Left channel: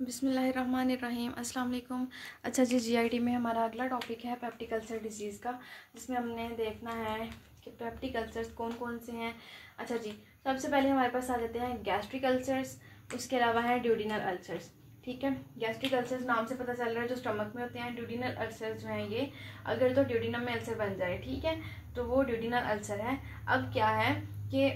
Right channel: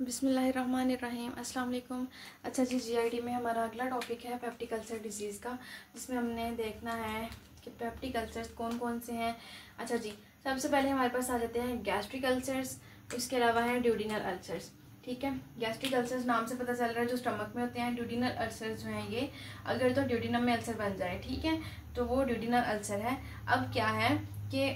बिस्मिल्लाहिर्रहमानिर्रहीम। अस्सलाम वालेकुम। अच्छा जी, जीआईडी में हमारा अगला टॉपिक है पेप्टिक अल्सर डिजीज़ का, जिसमें हमने देखना है कि पेप्टिक अल्सर्स कौन कौन से हैं। अच्छा जी, सबसे पहले हमारे पास आ जाते हैं गैस्ट्रिक अल्सर्स, उसके अलावा है ड्यूडिनल अल्सर्स। ठीक है, गैस्ट्रिक अल्सर्स नाम से पता चल रहा है जो स्टमक में होते हैं। ड्यूडिनल अल्सर्स जो हैं ये अगर तो ड्यूडिनम में अल्सर बन जाए, ठीक है, तो वो ड्यूडिनल अल्सर है। अब क्या है कि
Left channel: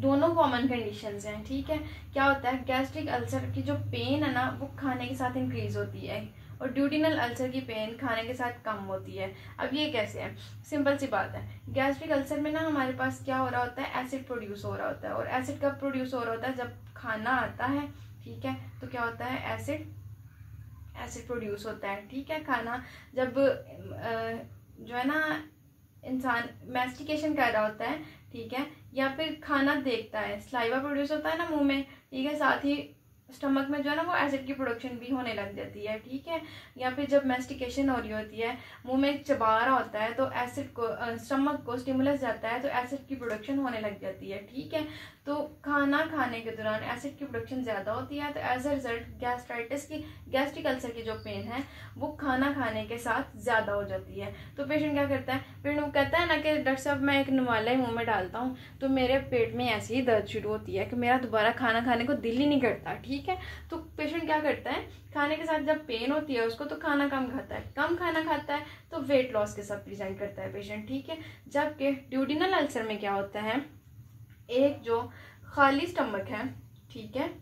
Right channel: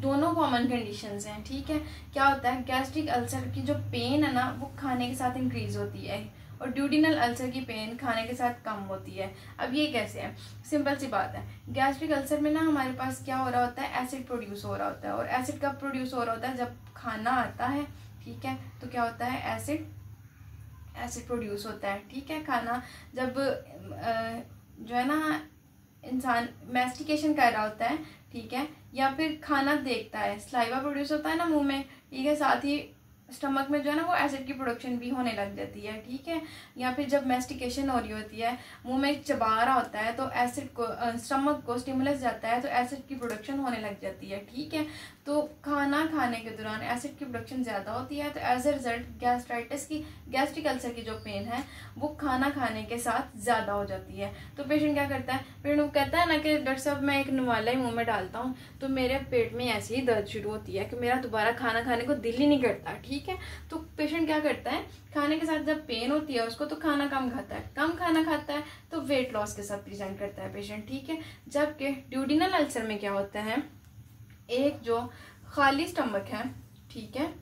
दोनों कॉमन कंडीशंस हैं। ठीक है, क्या होता है, गैस्ट्रिक अल्सर की जो पेन है ना वो खाने के साथ इंक्रीज होती है और ड्यूडिनल अल्सर की पेन खाने के साथ कम होती है। अब ये कैसे है, सिंपल सी बात है। गैस्ट्रिक अल्सर में ना हमारे पास क्या हो रहा होता है, एसिड प्रोड्यूस हो रहा होता है। और एसिड कब प्रोड्यूस हो रहा होता है, जब खाना आता है। ठीक है, तो क्या होता है, एसिड प्रोड्यूस होता है। ठीक है, खाना जब जो है ना इंसान मैस्टिकेशन कर रहा होता है, ठीक है, या फिर खाना देखता है, सलाइवा प्रोड्यूस होता है ना मुंह में, ठीक है, साथ ही स्टमक में जो है ना वो एसिड की प्रोडक्शन भी होने लग जाती है। ठीक है, या फिर जब मैस्टिकेशन हो रही होती है, मुंह में चबा रहा होता है, तो एसिड को स्टमक को स्टिमुलस जाता है तो एसिड की प्रोडक्शन होने लग जाती है। ठीक है, तो खाना खाने के दौरान एसिड की प्रोडक्शन ज़्यादा होती है, तो as a result gastric ulcer की जो पेन है वो खाना खाने के साथ ज़्यादा हो जाती है। तो पेशेंट क्या करता है, पेशेंट कहता है ना कि डॉक्टर साहब मैं एक नवाला ही मुंह में डालता हूँ तो मेरे पेट में ऐसी ही दर्द शुरू होती है कि मेरा दोबारा खाना खाने को दिल ही नहीं करता। ठीक है, तो पेशेंट क्या करता है, खाने के साथ जब पेन होती है उसको तो खाना कम खाता है, कम खाना खाता है तो वेट लॉस के साथ प्रेजेंट करता है पेशेंट। ठीक है, जबकि ड्यूडिनल अल्सर में क्या होता है, एक जो खाली स्टमक है, ठीक है,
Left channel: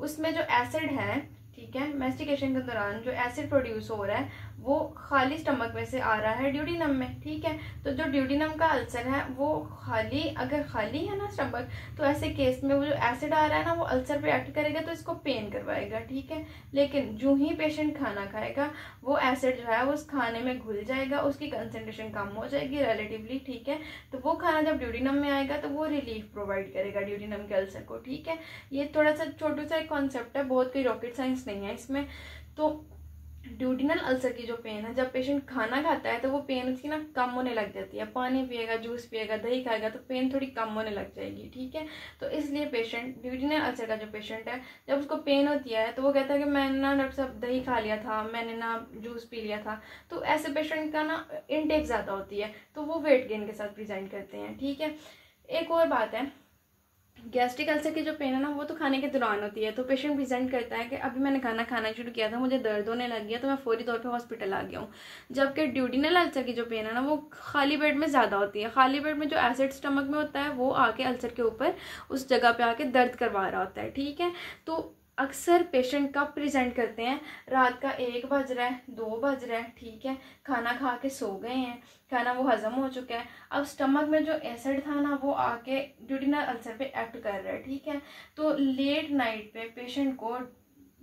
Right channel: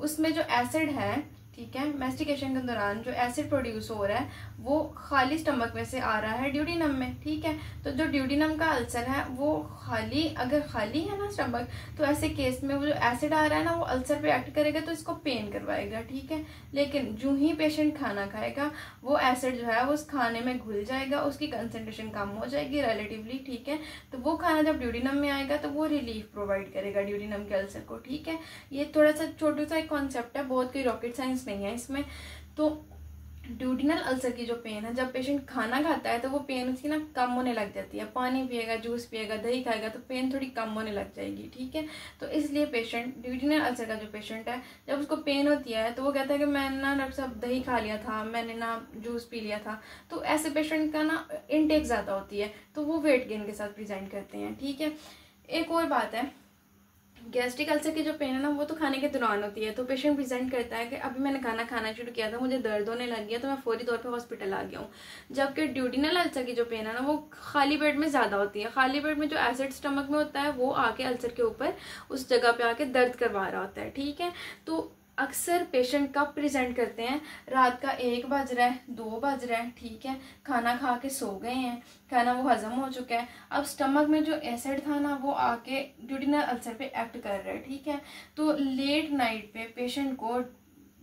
उसमें जो एसिड है, ठीक है, मैस्टिकेशन के दौरान जो एसिड प्रोड्यूस हो रहा है वो खाली स्टमक में से आ रहा है ड्यूडिनम में। ठीक है, तो जो ड्यूडिनम का अल्सर है वो अगर खाली है ना स्टमक, तो ऐसे केस में वो जो एसिड आ रहा है ना वो अल्सर पे एक्ट करेगा तो इसको पेन करवाएगा। ठीक है, लेकिन जो ही पेशेंट खाना खाएगा वो एसिड जो है वो उस खाने में घुल जाएगा, उसकी कंसेंट्रेशन कम हो जाएगी रिलेटिवली। ठीक है, तो वो खाना जब ड्यूडिनम में आएगा तो वो रिलीफ प्रोवाइड करेगा ड्यूडिनम के अल्सर को। ठीक है, ये थोड़ा सा छोटा सा एक कॉन्सेप्ट है, बहुत कोई रॉकेट साइंस नहीं है इसमें। तो ड्यूडिनल अल्सर की जो पेन है, जब पेशेंट खाना खाता है तो वो पेन उसकी ना कम होने लग जाती है। पानी पिएगा, जूस पिएगा, दही खाएगा तो पेन थोड़ी कम होने लग जाएगी। ठीक है, तो इसलिए पेशेंट ड्यूडिनल अल्सर का जो पेशेंट है, जब उसको पेन होती है तो वो कहता है कि मैंने ना डॉक्टर साहब दही खा लिया था, मैंने ना जूस पी लिया था, तो ऐसे पेशेंट का ना इनटेक ज़्यादा होती है तो वो वेट गेन के साथ प्रेजेंट करते हैं। ठीक है, एक और बात है, गैस्ट्रिक अल्सर की जो पेन है ना वो तो खाने के दौरान होती है। तो पेशेंट प्रेजेंट करता है कि अभी मैंने खाना शुरू किया था, मुझे दर्द होने लग गया तो मैं फौरी तौर पे हॉस्पिटल आ गया हूँ। जबकि ड्यूडिनल अल्सर की जो पेन है ना वो खाली पेट में ज़्यादा होती है। खाली पेट में जो एसिड स्टमक में होता है वो आके अल्सर के ऊपर उस जगह पे आके दर्द करवा रहा होता है। ठीक है, तो अक्सर पेशेंट कब प्रेजेंट करते हैं, रात का 1 बज रहा है, 2 बज रहा है, ठीक है, खाना खा के सो गए हैं, खाना वो हजम हो चुका है, अब स्टमक में जो एसिड था ना वो आके ड्यूडिनल अल्सर पे एक्ट कर रहा है। ठीक है, तो लेट नाइट पे पेशेंट को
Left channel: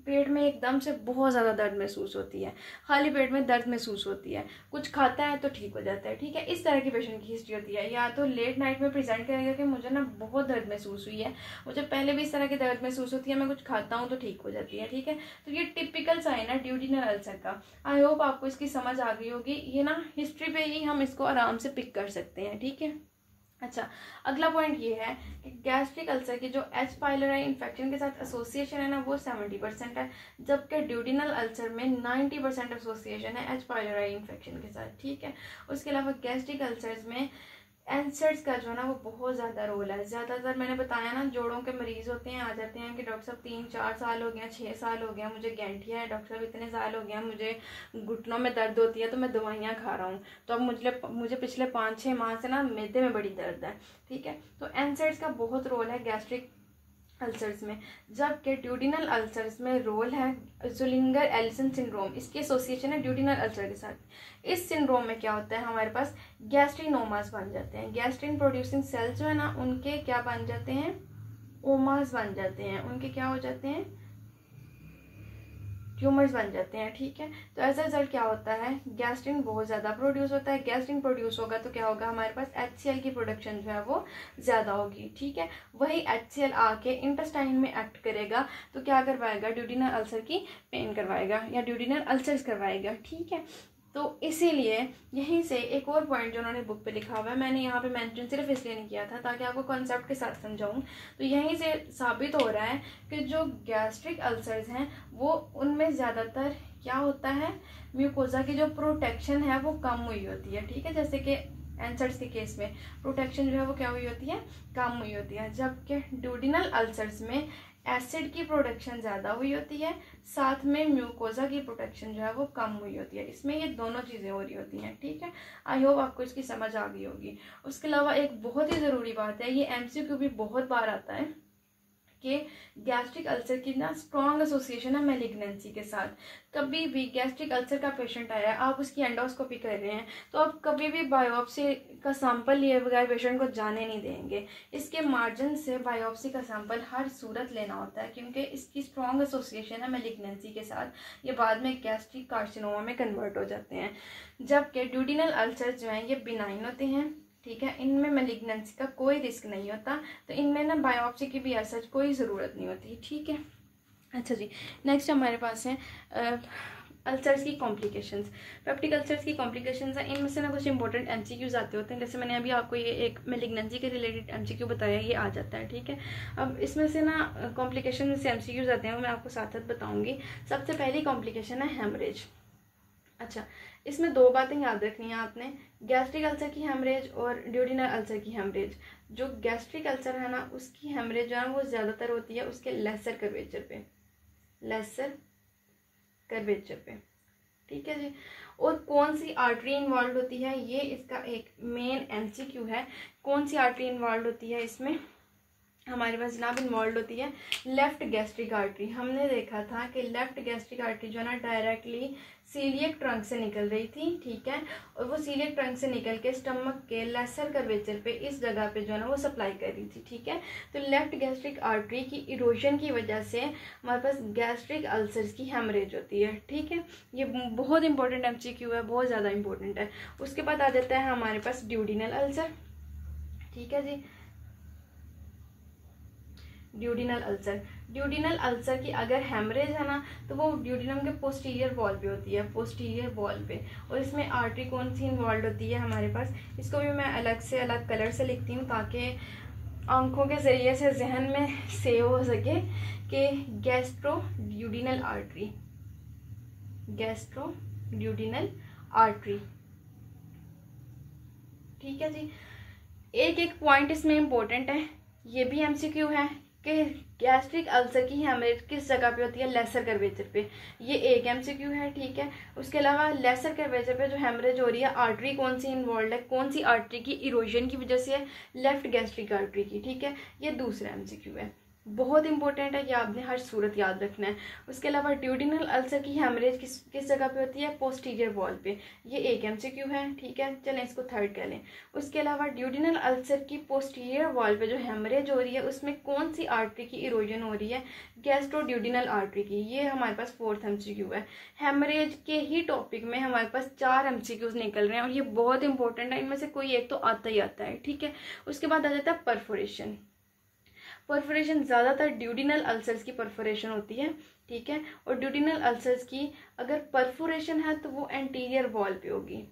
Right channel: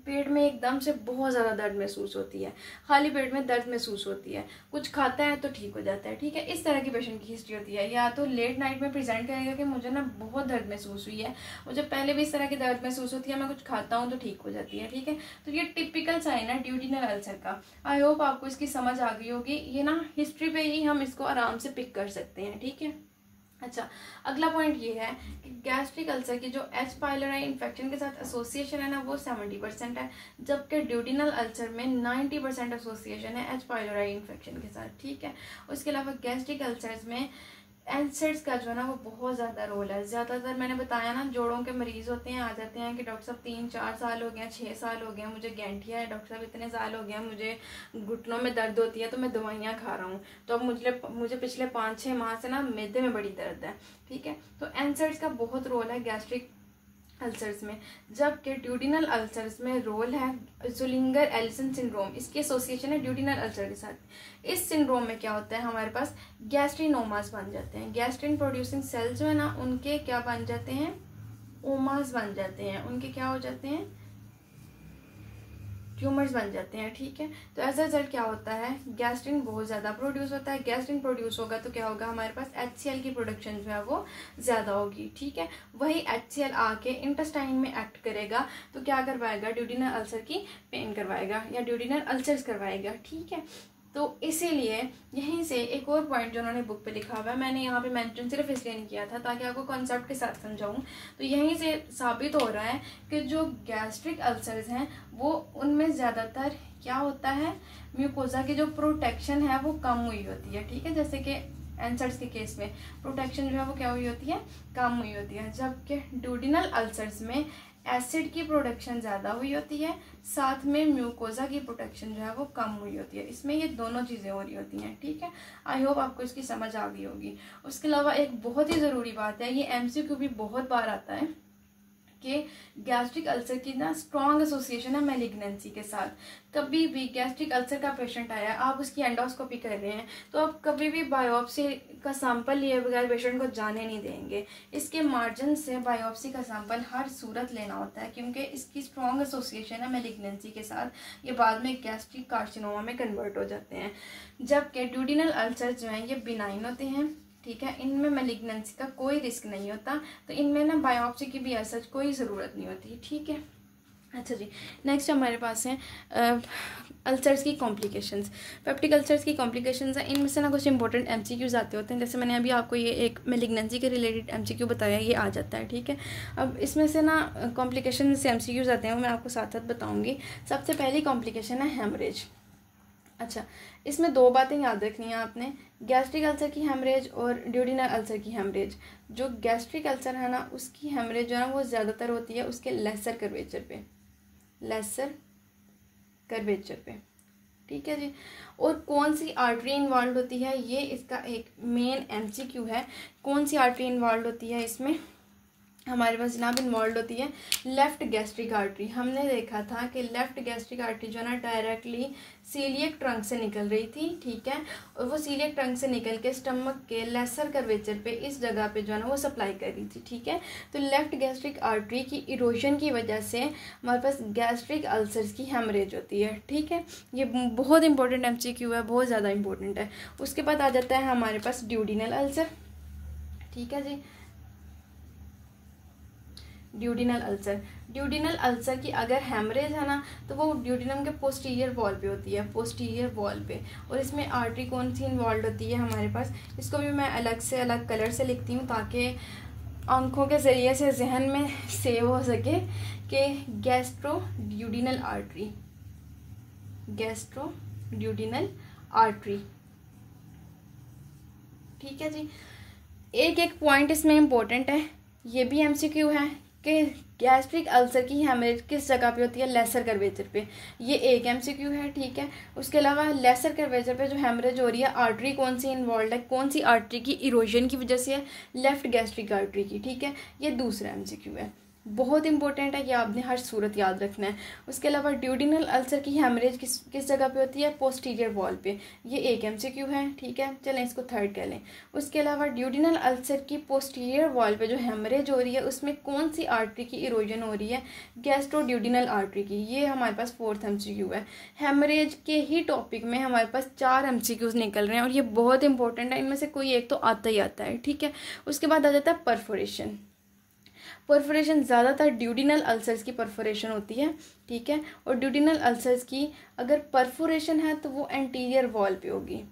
पेट में एकदम से बहुत ज़्यादा दर्द महसूस होती है, खाली पेट में दर्द महसूस होती है, कुछ खाता है तो ठीक हो जाता है। ठीक है, इस तरह की पेशेंट की हिस्ट्री होती है। या तो लेट नाइट में प्रेजेंट करेगा कि मुझे ना बहुत दर्द महसूस हुई है, मुझे पहले भी इस तरह की दर्द महसूस होती है, मैं कुछ खाता हूँ तो ठीक हो जाती है। ठीक है, तो ये टिपिकल साइन है ड्यूडिनल अल्सर का। आई होप आपको इसकी समझ आ गई होगी। ये ना हिस्ट्री पे ही हम इसको आराम से पिक कर सकते हैं। ठीक है, अच्छा, अगला पॉइंट ये है कि गैस्ट्रिक अल्सर की जो एच पाइलोरी इन्फेक्शन के साथ एसोसिएशन है ना वो 70% है, जबकि ड्यूडिनल अल्सर में 90% एसोसिएशन है एच पाइलोरी इन्फेक्शन के साथ। ठीक है, उसके अलावा गैस्ट्रिक अल्सर्स में एसिड्स का जो है ना वो बहुत ज़्यादा रोल है। ज़्यादातर मैंने बताया ना जोड़ों के मरीज होते हैं, आ जाते हैं कि डॉक्टर साहब 3-4 साल हो गया, 6 साल हो गया, मुझे गैंठिया है, डॉक्टर साहब इतने साल हो गया, मुझे घुटनों में दर्द होती है तो मैं दवाइयाँ खा रहा हूँ, तो अब मुझे पिछले 5-6 माह से ना मैदे में बड़ी दर्द है। ठीक है, तो एसिड्स का बहुत रोल है गैस्ट्रिक अल्सर्स में, जबकि ड्यूडिनल अल्सर्स में रोल है ज़ुलिंगर एलिसन सिंड्रोम, इसकी एसोसिएशन है ड्यूडिनल अल्सर के साथ। इस सिंड्रोम में क्या होता है, हमारे पास गैस्ट्रिनोमास बन जाते हैं, गैस्ट्रिन प्रोड्यूसिंग सेल्स जो है ना उनके क्या बन जाते हैं, ओमास बन जाते हैं, उनके क्या हो जाते हैं, ट्यूमर्स बन जाते हैं। ठीक है, तो एज अ रिजल्ट क्या होता है, गैस्ट्रिन बहुत ज़्यादा प्रोड्यूस होता है। गैस्ट्रिन प्रोड्यूस होगा तो क्या होगा, हमारे पास HCl की प्रोडक्शन जो है वो ज़्यादा होगी। ठीक है, वही HCl आके इंटेस्टाइन में एक्ट करेगा तो क्या करवाएगा, ड्यूडिनल अल्सर की पेन करवाएगा या ड्यूडिनल अल्सर्स करवाएगा। ठीक है, तो इसीलिए यहीं से एक और पॉइंट जो उन्होंने बुक पे लिखा हुआ है, मैंने यहाँ पे मेंशन सिर्फ इसलिए नहीं किया था ताकि आपको कॉन्सेप्ट के साथ समझाऊं। तो यहीं से साबित हो रहा है कि जो गैस्ट्रिक अल्सर्स हैं वो उनमें ज़्यादातर क्या होता है, म्यूकोजा की जो प्रोटेक्शन है वो कम हुई होती है। ठीक है, जैसे कि एंसर्स के केस में प्रोटेक्शन जो है वो क्या हुई होती है, कम हुई होती है। जबकि ड्यूडिनल अल्सर्स में एसिड की प्रोडक्शन ज़्यादा हुई होती है, साथ में म्यूकोजा की प्रोटेक्शन जो है वो कम हुई होती है। इसमें ये दोनों चीज़ें हो रही होती हैं। ठीक है, आई होप आपको इसकी समझ आ गई होगी। उसके अलावा एक बहुत ही ज़रूरी बात है, ये एमसीक्यू भी बहुत बार आता है कि गैस्ट्रिक अल्सर की ना स्ट्रॉन्ग एसोसिएशन है मैलिग्नेंसी के साथ। कभी भी गैस्ट्रिक अल्सर का पेशेंट आया, आप उसकी एंडोस्कोपी कर रहे हैं, तो आप कभी भी बायोप्सी का सैंपल लिए बगैर पेशेंट को जाने नहीं देंगे। इसके मार्जिन से बायोप्सी का सैंपल हर सूरत लेना होता है, क्योंकि इसकी स्ट्रॉन्ग एसोसिएशन है मैलिग्नेंसी के साथ। ये बाद में गैस्ट्रिक कार्सिनोमा में कन्वर्ट हो जाते हैं। जबकि ड्यूडिनल अल्सर जो हैं ये बिनाइन होते हैं। ठीक है, इनमें मैलिग्नेंसी का कोई रिस्क नहीं होता, तो इनमें ना बायोप्सी की भी ऐसा कोई ज़रूरत नहीं होती। ठीक है, अच्छा जी, नेक्स्ट हमारे पास है अल्सर्स की कॉम्प्लिकेशंस। पेप्टिक अल्सर्स की कॉम्प्लिकेशंस हैं, इनमें से ना कुछ इंपॉर्टेंट एमसीक्यूज आते होते हैं। जैसे मैंने अभी आपको ये एक मैलिग्नेंसी के रिलेटेड एमसीक्यू बताया, ये आ जाता है। ठीक है, अब इसमें से ना कॉम्प्लिकेशन से एमसीक्यूज आते हैं, मैं आपको साथ साथ बताऊँगी। सबसे पहली कॉम्प्लिकेशन है हेमरेज। अच्छा, इसमें दो बातें याद रखनी है आपने, गैस्ट्रिक अल्सर की हेमरेज और ड्यूडिनल अल्सर की हेमरेज। जो गैस्ट्रिक अल्सर है ना उसकी हेमरेज जो है वो ज़्यादातर होती है उसके लेसर कर्वेचर पे, लेसर कर्वेचर पे। ठीक है जी, और कौन सी आर्टरी इन्वॉल्व होती है, ये इसका एक मेन एमसीक्यू है। कौन सी आर्टरी इन्वॉल्व होती है इसमें, हमारे पास जनाब इन्वॉल्व होती है लेफ्ट गैस्ट्रिक आर्टरी। हमने देखा था कि लेफ्ट गैस्ट्रिक आर्टरी जो है ना डायरेक्टली सीलियक ट्रंक से निकल रही थी। ठीक है, और वो सीलियक ट्रंक से निकल के स्टमक के लेसर कर्वेचर पे इस जगह पे जो है ना वो सप्लाई कर रही थी। ठीक है, तो लेफ्ट गैस्ट्रिक आर्टरी की इरोजन की वजह से हमारे पास गैस्ट्रिक अल्सर्स की हेमरेज होती है। ठीक है, ये बहुत इंपॉर्टेंट एमसीक्यू है, बहुत ज़्यादा इंपॉर्टेंट है। उसके बाद आ जाता है हमारे पास ड्यूडिनल अल्सर। ठीक है जी, ड्यूडिनल अल्सर। ड्यूडिनल अल्सर की अगर हेमरेज है ना तो वो ड्यूडिनम के पोस्टीरियर वॉल पे होती है, पोस्टीरियर वॉल पे। और इसमें आर्टरी कौन सी इन्वॉल्व होती है हमारे पास, इसको भी मैं अलग से अलग कलर से लिखती हूँ ताकि आंखों के ज़रिए से जहन में सेव हो सके कि gastro duodenal artery, gastro duodenal artery. ठीक है जी, एक एक पॉइंट इसमें इम्पोर्टेंट है, ये भी एमसीक्यू है कि गैस्ट्रिक अल्सर की हेमरेज किस जगह पे होती है, लेसर कर्वेचर पे। ये एक एमसीक्यू है। ठीक है, उसके अलावा लेसर कर्वेचर पे जो हेमरेज हो रही है, आर्टरी कौन सी इन्वॉल्व है, कौन सी आर्टरी की इरोजन की वजह से है, लेफ्ट गैस्ट्रिक आर्टरी की। ठीक है, ये दूसरा एमसीक्यू है, बहुत इंपॉर्टेंट है कि आपने हर सूरत याद रखना है। उसके अलावा ड्यूडिनल अल्सर की हेमरेज किस जगह पे होती है, पोस्टीरियर वॉल पे, ये एक एमसीक्यू है। ठीक है, चलें इसको थर्ड कह लें। उसके अलावा ड्यूडिनल अल्सर की पोस्टीरियर वॉल पे जो हेमरेज हो रही है उसमें कौन सी आर्टरी की इरोजन हो रही है, गैस्ट्रोड्यूडिनल आर्टरी की, ये हमारे पास फोर्थ एमसीक्यू है। हेमरेज के ही टॉपिक में हमारे पास 4 एमसीक्यूज निकल रहे हैं और ये बहुत इंपॉर्टेंट है, इनमें से कोई एक तो आता ही आता है। ठीक है, उसके बाद आ जाता है परफोरेशन। परफोरेशन ज़्यादातर ड्यूडिनल अल्सर्स की परफोरेशन होती है। ठीक है, और ड्यूडिनल अल्सर्स की अगर परफोरेशन है तो वो एंटीरियर वॉल पे होगी।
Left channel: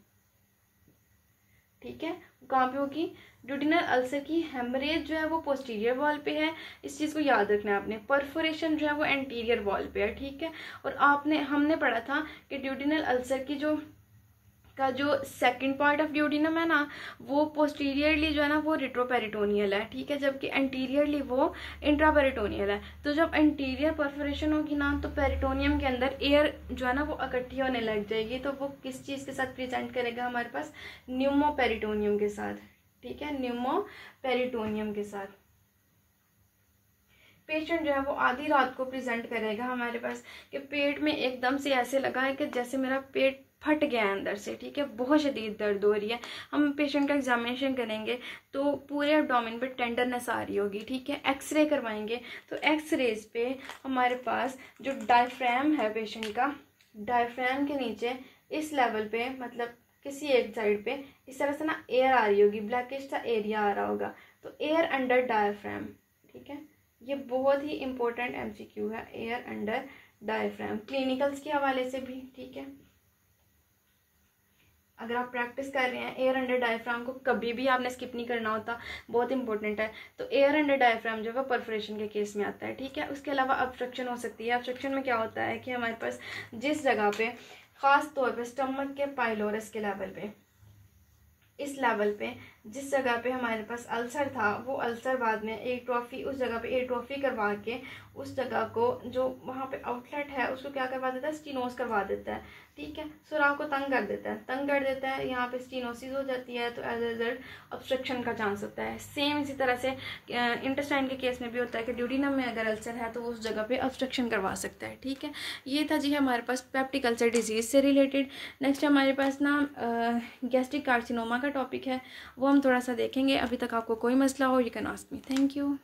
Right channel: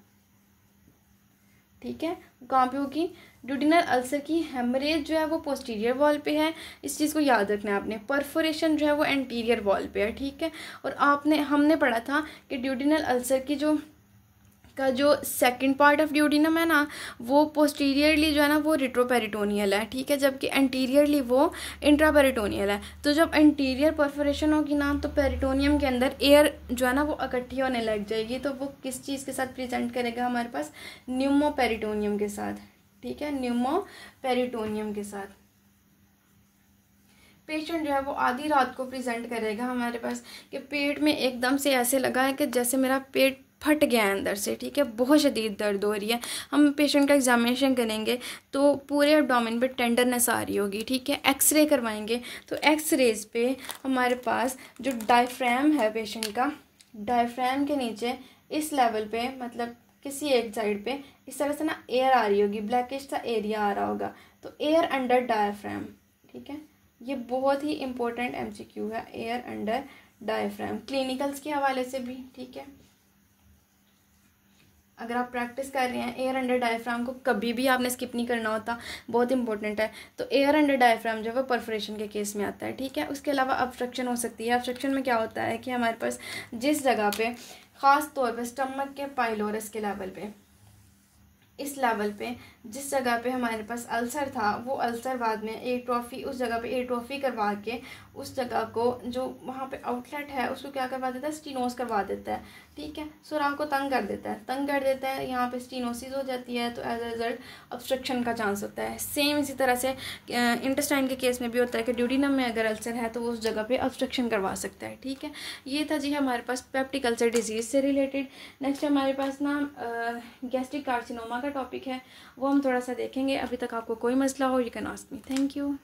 ठीक है, कहाँ पे होगी, ड्यूडिनल अल्सर की हेमरेज जो है वो पोस्टीरियर वॉल पे है, इस चीज़ को याद रखना है आपने। परफोरेशन जो है वो एंटीरियर वॉल पे है। ठीक है, और हमने पढ़ा था कि ड्यूडिनल अल्सर की जो सेकंड पार्ट ऑफ ड्यूडिनम है ना वो पोस्टीरियरली जो है ना वो रिट्रोपेरिटोनियल है। ठीक है, जबकि एंटीरियरली वो इंट्रापेरिटोनियल है। तो जब एंटीरियर परफोरेशन होगी ना तो पेरिटोनियम के अंदर एयर जो है ना वो इकट्ठी होने लग जाएगी, तो वो किस चीज़ के साथ प्रेजेंट करेगा हमारे पास, न्यूमोपेरिटोनियम के साथ। ठीक है, न्यूमोपेरिटोनियम के साथ पेशेंट जो है वो आधी रात को प्रेजेंट करेगा हमारे पास कि पेट में एकदम से ऐसे लगा है कि जैसे मेरा पेट फट गया है अंदर से। ठीक है, बहुत शदीद दर्द हो रही है। हम पेशेंट का एग्जामिनेशन करेंगे तो पूरे एब्डोमेन पे टेंडरनेस आ रही होगी। ठीक है, एक्सरे करवाएंगे तो एक्सरेज पे हमारे पास जो डायफ्राम है पेशेंट का, डायफ्राम के नीचे इस लेवल पे मतलब किसी एक साइड पे इस तरह से ना एयर आ रही होगी, ब्लैकिश सा एरिया आ रहा होगा, तो एयर अंडर डायफ्राम। ठीक है, ये बहुत ही इंपॉर्टेंट एमसीक्यू है, एयर अंडर डायफ्राम, क्लिनिकल्स के हवाले से भी। ठीक है, अगर आप प्रैक्टिस कर रहे हैं, एयर अंडर डायफ्राम को कभी भी आपने स्किप नहीं करना होता, बहुत इंपॉर्टेंट है। तो एयर अंडर डायफ्राम जो है वो परफोरेशन के केस में आता है, ठीक है। उसके अलावा ऑब्स्ट्रक्शन हो सकती है। ऑब्स्ट्रक्शन में क्या होता है कि हमारे पास जिस जगह पे ख़ास तौर पे स्टमक के पाइलोरस के लेवल पे, इस लेवल पे जिस जगह पे हमारे पास अल्सर था, वो अल्सर बाद में एट्रोफी, उस जगह पे एट्रोफी करवा के उस जगह को जो वहाँ पे आउटलेट है उसको क्या करवा देता है, स्टीनोस करवा देता है, ठीक है। सुराख को तंग कर देता है, यहाँ पे स्टीनोसिस हो जाती है, तो एज अ रिजल्ट ऑब्स्ट्रक्शन का चांस होता है। सेम इसी तरह से इंटेस्टाइन के केस में भी होता है कि ड्यूडिनम में अगर अल्सर है तो वो उस जगह पे ऑब्स्ट्रक्शन करवा सकता है, ठीक है। ये था जी हमारे पास पेप्टिक अल्सर डिजीज़ से रिलेटेड। नेक्स्ट हमारे पास ना गैस्ट्रिक कार्सिनोमा का टॉपिक है, वो हम थोड़ा सा देखेंगे। अभी तक आपको कोई मसला हो, you can ask me. Thank you.